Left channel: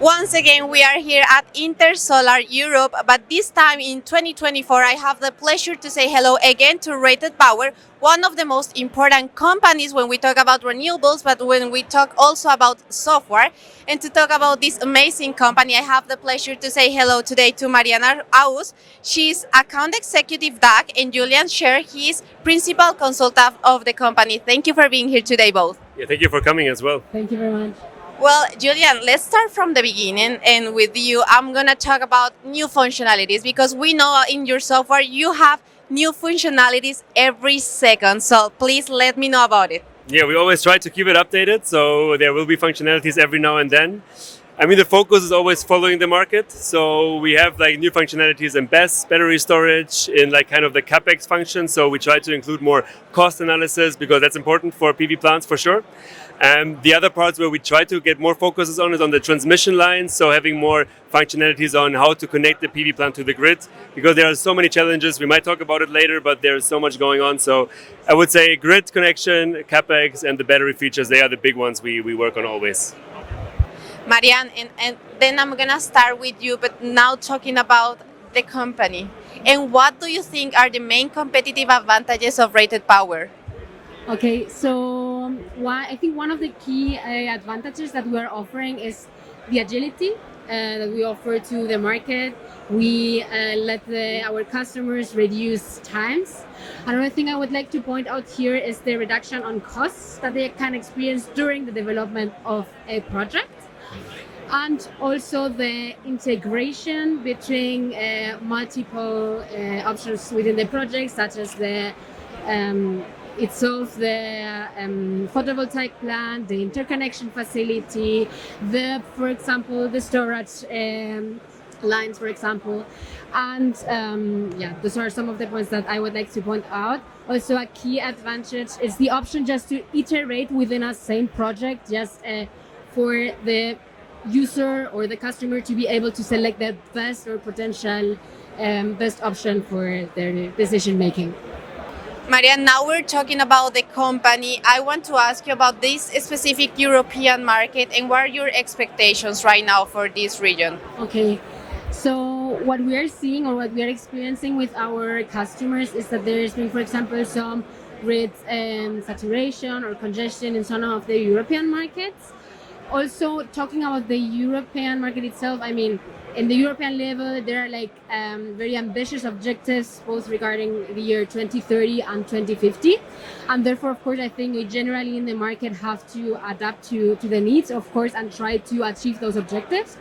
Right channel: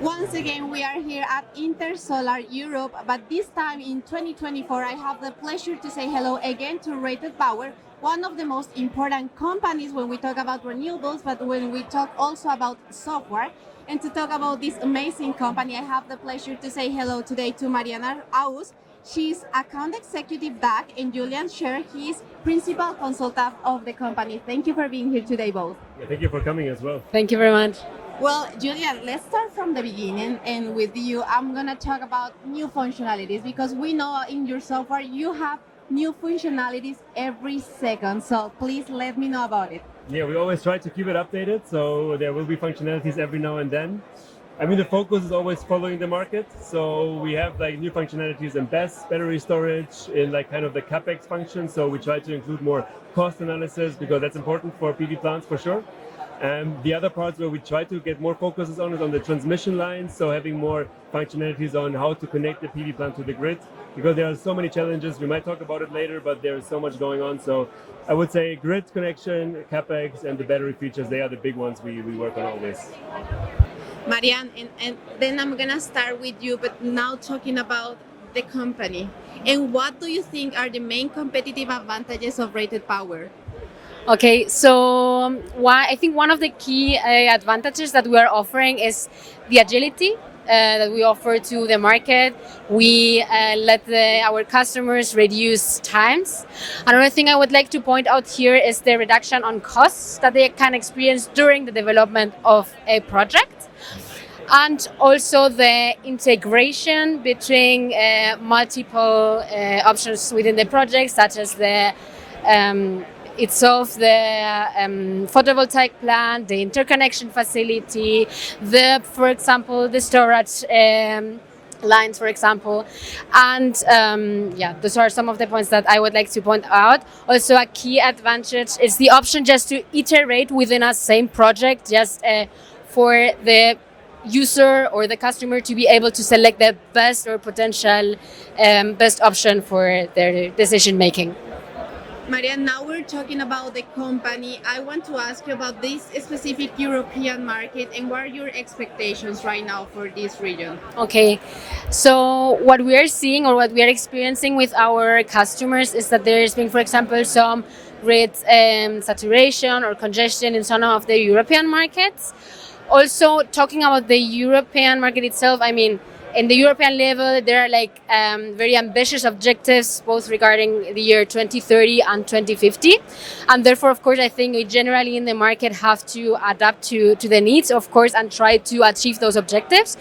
Once again, we are here at Intersolar Europe, but this time in 2024, I have the pleasure to say hello again to RatedPower, one of the most important companies when we talk about renewables, but when we talk also about software. And to talk about this amazing company, I have the pleasure to say hello today to Marián Aúz. She's account executive DACH, and Julian Scheer, he is principal consultant of the company. Thank you for being here today, both. Yeah, thank you for coming as well. Thank you very much. Well, Julian, let's start from the beginning. And with you, I'm going to talk about new functionalities because we know in your software you have new functionalities every second. So please let me know about it. Yeah, we always try to keep it updated, so there will be functionalities every now and then. I mean, the focus is always following the market. So we have like new functionalities in BESS, battery storage, in like kind of the CapEx function. So we try to include more cost analysis because that's important for PV plants for sure. And the other parts where we try to get more focuses on is on the transmission lines. So having more functionalities on how to connect the PV plant to the grid, because there are so many challenges. We might talk about it later, but there's so much going on. So I would say grid connection, CapEx, and the battery features, they are the big ones we work on always. Marián, and then I'm going to start with you, but now talking about the company. And what do you think are the main competitive advantages of RatedPower? Okay, so I think one of the key advantages that we are offering is the agility that we offer to the market. We let our customers reduce times. Another thing I would like to point out here is the reduction on costs that they can experience during the development of a project. And also the integration between multiple options within the project, such as the itself, the photovoltaic plant, the interconnection facility, for example, the storage lines, for example. And those are some of the points that I would like to point out. Also, a key advantage is the option just to iterate within a same project, just for the user or the customer to be able to select the best or potential best option for their decision making. Marián, now we're talking about the company. I want to ask you about this specific European market and what are your expectations right now for this region? Okay, so what we are seeing or what we are experiencing with our customers is that there's been, for example, some grid saturation or congestion in some of the European markets. Also, talking about the European market itself, I mean, in the European level, there are like very ambitious objectives, both regarding the year 2030 and 2050. And therefore, of course, I think we generally in the market have to adapt to the needs, of course, and try to achieve those objectives.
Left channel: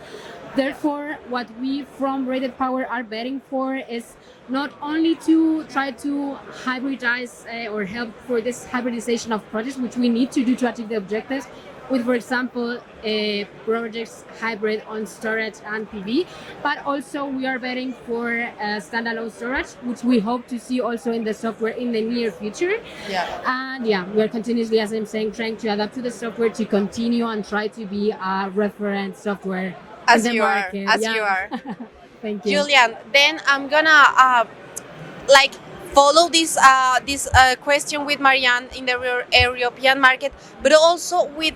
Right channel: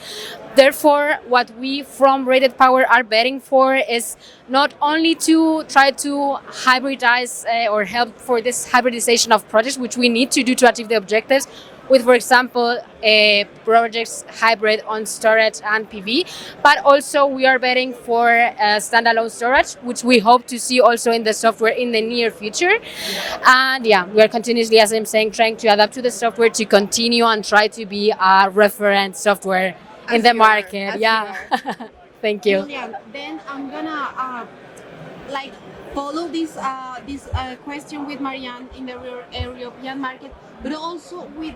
Therefore, what we from RatedPower are betting for is not only to try to hybridize or help for this hybridization of projects, which we need to do to achieve the objectives, with, for example, projects hybrid on storage and PV, but also we are betting for standalone storage, which we hope to see also in the software in the near future. Yeah. And we are continuously, as I'm saying, trying to adapt to the software to continue and try to be a reference software in the market. You are. Thank you. Julian, then I'm gonna follow this question with Marián in the European market, but also with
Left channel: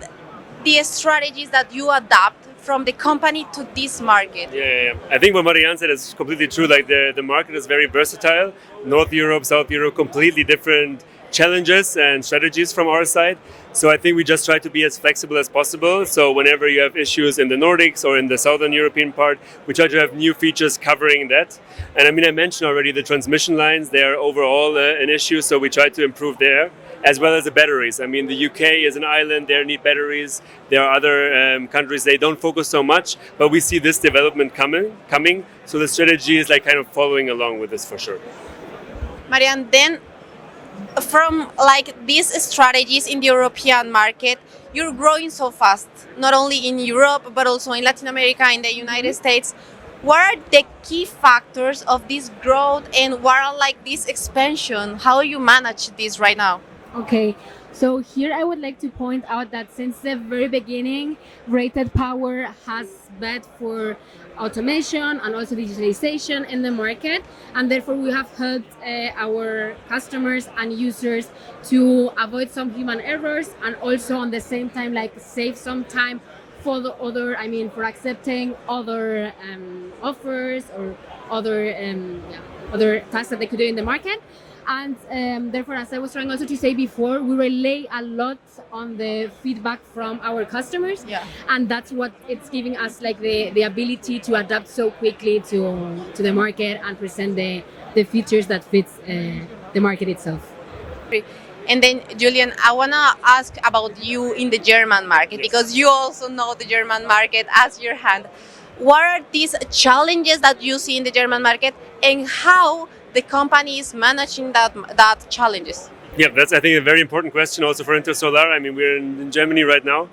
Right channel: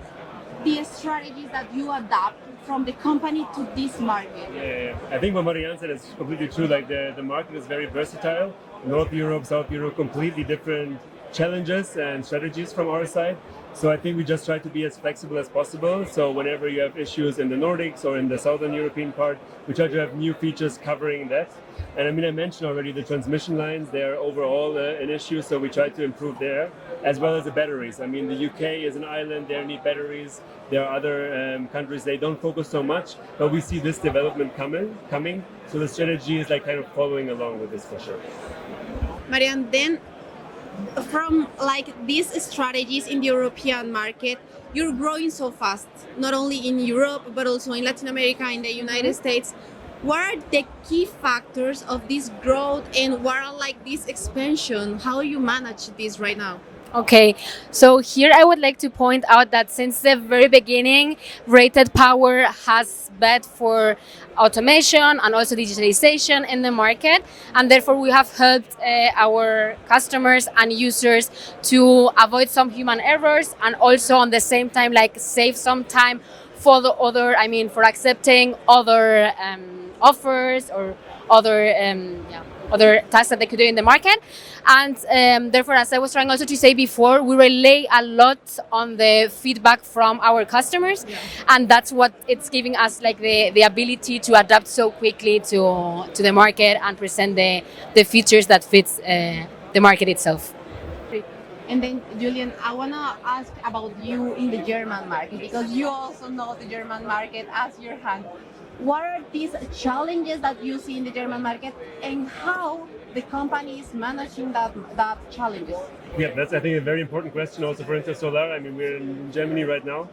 the strategies that you adapt from the company to this market. Yeah. I think what Marián said is completely true. Like the market is very versatile. North Europe, South Europe, completely different challenges and strategies from our side. So I think we just try to be as flexible as possible. So whenever you have issues in the Nordics or in the Southern European part, we try to have new features covering that. And I mean, I mentioned already the transmission lines, they are overall an issue. So we try to improve there, as well as the batteries. I mean, the UK is an island, they need batteries. There are other countries, they don't focus so much, but we see this development coming. So the strategy is like kind of following along with this for sure. Marián, then from like these strategies in the European market, you're growing so fast, not only in Europe, but also in Latin America, in the United States. What are the key factors of this growth and what are like this expansion? How you manage this right now? Okay, so here I would like to point out that since the very beginning, RatedPower has bet for automation and also digitalization in the market, and therefore we have helped our customers and users to avoid some human errors and also on the same time like save some time for the other, I mean, for accepting other offers or other tasks that they could do in the market. And therefore, as I was trying also to say before, we rely a lot on the feedback from our customers, and that's what it's giving us like the ability to adapt so quickly to the market and present the features that fits the market itself. And then, Julian, I want to ask about you in the German market, because you also know the German market as your hand. What are these challenges that you see in the German market, and how the company is managing that challenges? Yeah, that's, I think, a very important question also for Intersolar. I mean, we're in Germany right now.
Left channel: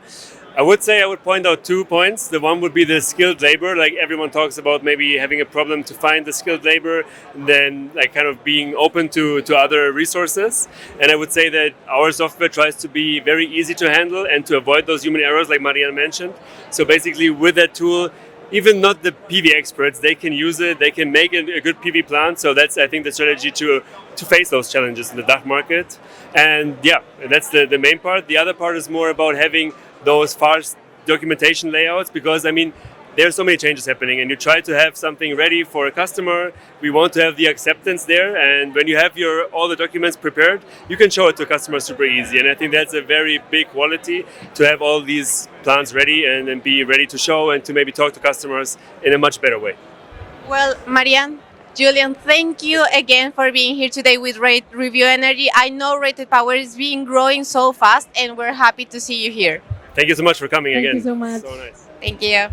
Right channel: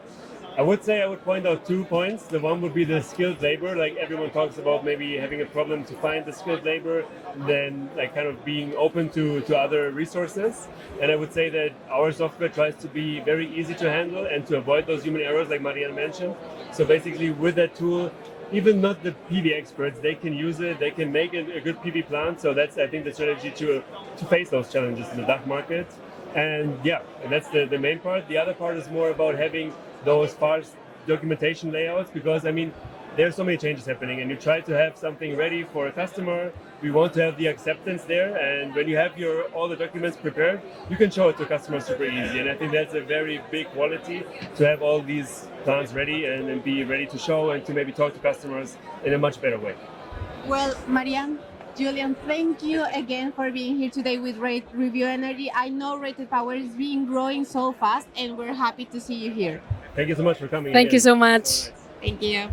I would point out 2 points. The one would be the skilled labor. Like everyone talks about maybe having a problem to find the skilled labor, and then like kind of being open to other resources. And I would say that our software tries to be very easy to handle and to avoid those human errors like Marián mentioned. So basically with that tool, even not the PV experts, they can use it, they can make a good PV plant. So that's, I think, the strategy to face those challenges in the DACH market. And yeah, that's the main part. The other part is more about having those fast documentation layouts, because I mean, there are so many changes happening and you try to have something ready for a customer. We want to have the acceptance there, and when you have all the documents prepared, you can show it to customers super easy. And I think that's a very big quality, to have all these plans ready and be ready to show and to maybe talk to customers in a much better way. Well, Marián, Julian, thank you again for being here today with Review Energy. I know RatedPower is being growing so fast, and we're happy to see you here. Thank you so much for coming Thank again. you so much. So nice. Thank you.